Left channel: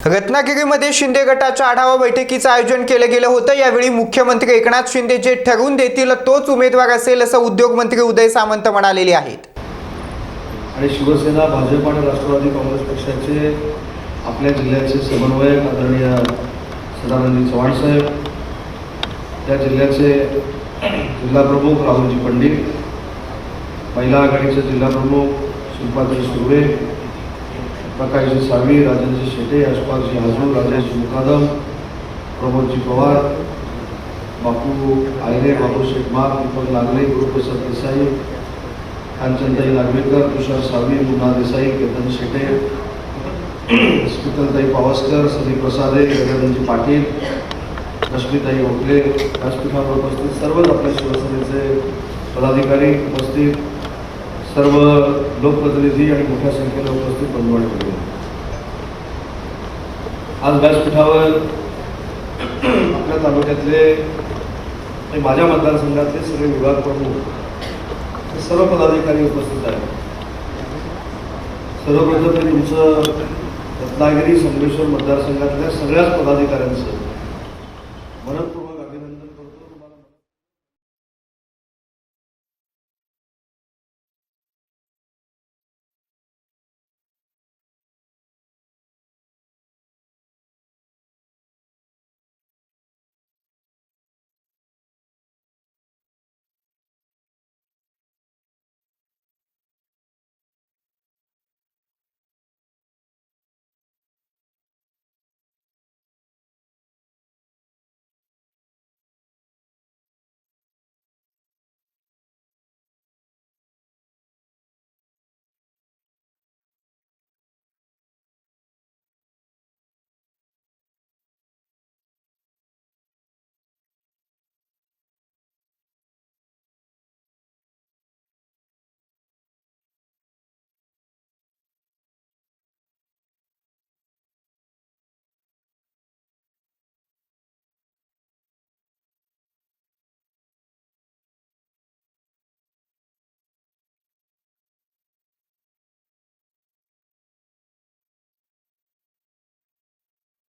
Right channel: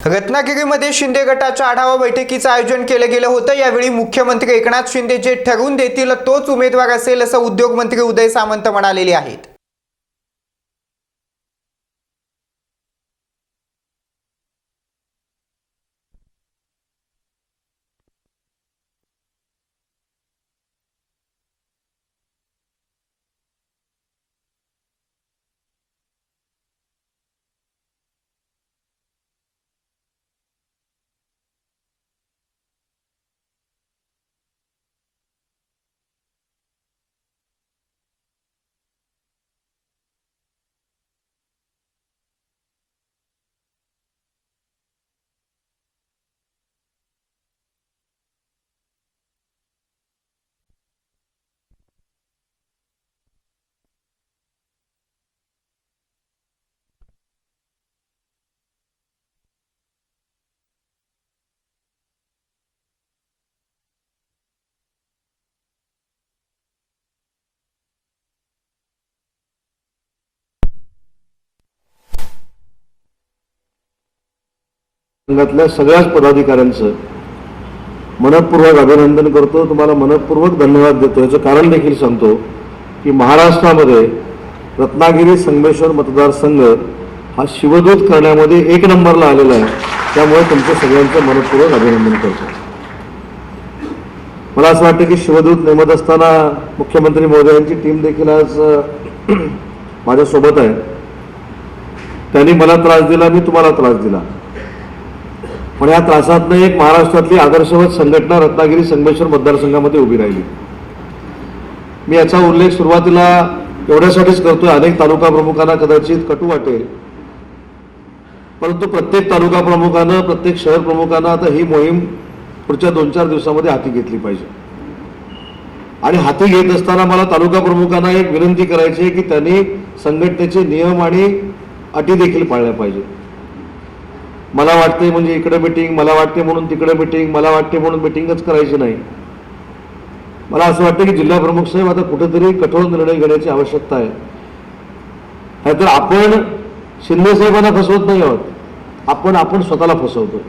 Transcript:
रत्नागिरीमध्ये शिंदे गटाच्या आढावा बैठकीचं आयोजन केलं गेलं होतं. यावेळी मुख्यमंत्री एकनाथ शिंदे जे ठरवून देतील तोच उमेदवार असेल असं उद्योगमंत्री उदय सामंत म्हणालेले आहेत. आणि शिवसेना भाजप आणि राष्ट्रवादी काँग्रेस पक्षाचे आपल्या जिल्ह्याचे समन्वयक आदरणीय सदानंद चव्हाण साहेब त्या जिल्ह्याचे जिल्हाप्रमुख राहुलजी पंडित महिला आघाडीचे जिल्हाप्रमुख शिल्पाजी सुर्वे प्रकाशजी साळवी राजेंद्र शेटे यशपालजी हाजू राजेशजी मुकादम प्रमोदजी पवार बापू आयरे बापू शेखमार दीपक लागले गुरुप्रसाद देसाई कांचनताई नागवेकर तुषार साळवी मुन्ना देसाई केतन शेटे स्मितलताई पावसकर सनी प्रसादे गगनजी पाटील रश्मीताई ओकले व्यासपीठावर उपस्थित सर्वच आपल्या शिवसेनेचे पदाधिकारी उपस्थित सर्व लोकप्रतिनिधी आणि मोठ्या संख्येने उपस्थित बंधुवाडी होते आज व्यासपीठावर आपल्या तालुक्यातले आणि माझ्या मतदारसंघातले सगळे विभाग प्रमुख हे सर्व पदाधिकारी उपस्थित आहेत. सर्वप्रथम मी तुमचं रत्नागिरी संगमेश्वर मतदारसंघातल्या सगळ्याच पदाधिकाऱ्यांचं मनपूर्वक अभिनंदन करतो. तुम्हाला मनपूर्वक धन्यवाद देतो. याचं कारण देखील सांगतो की महाराष्ट्रामध्ये रत्नागिरी संगमेश्वर मतदारसंघ हा शिवदूत करण्यामध्ये एक नंबरला आलेला आहे. त्यामुळे तुमचं सगळ्यांचं मनपूर्वक अभिनंदन करतो. मला असं वाटतं की शिवदूत नेमत असताना मुख्यमंत्री महोदयांची टीम देखील आज माझ्यासोबत आहे. त्यांनी मला त्रास दिला मी तुम्हाला त्रास दिला. पण या त्रासातनं एक महाराष्ट्रातली आदर्शवत संघटना रत्नागिरी संगमेश्वर मतदारसंघामध्ये उभी राहिली. मी याचा उल्लेख सुरुवातीला एवढ्यासाठीच करतोय. अनेक तालुका प्रमुखांना कदाचित कटू वाटेल. परंतु प्रत्येक तालुका प्रमुखानं प्रत्येक शहर प्रमुखानं आता ही मोहीम पुढच्या दोन चार दिवसामध्ये हाती घेतली पाहिजे. आणि हाती घेत असताना मला तालुका प्रमुखांना एक विनंती करायची आहे की त्यांनी संघटनेचे नियम आणि अटी देखील पाळल्या पाहिजे मला वाटते म्हणजे इकडे मिटिंग मला वाटते म्हणून तिकडे मिटिंग मला वाटते म्हणून मिटिंगच करायची नाही. मला असं वाटतं की जिल्हा प्रमुख साहेब आता कुठेतरी कठोर निर्णय घेण्याची आवश्यकता आहे. नाहीतर आपण शिंदे साहेबांना फसवत नाही आहोत. आपण आपण स्वतःला फसवतो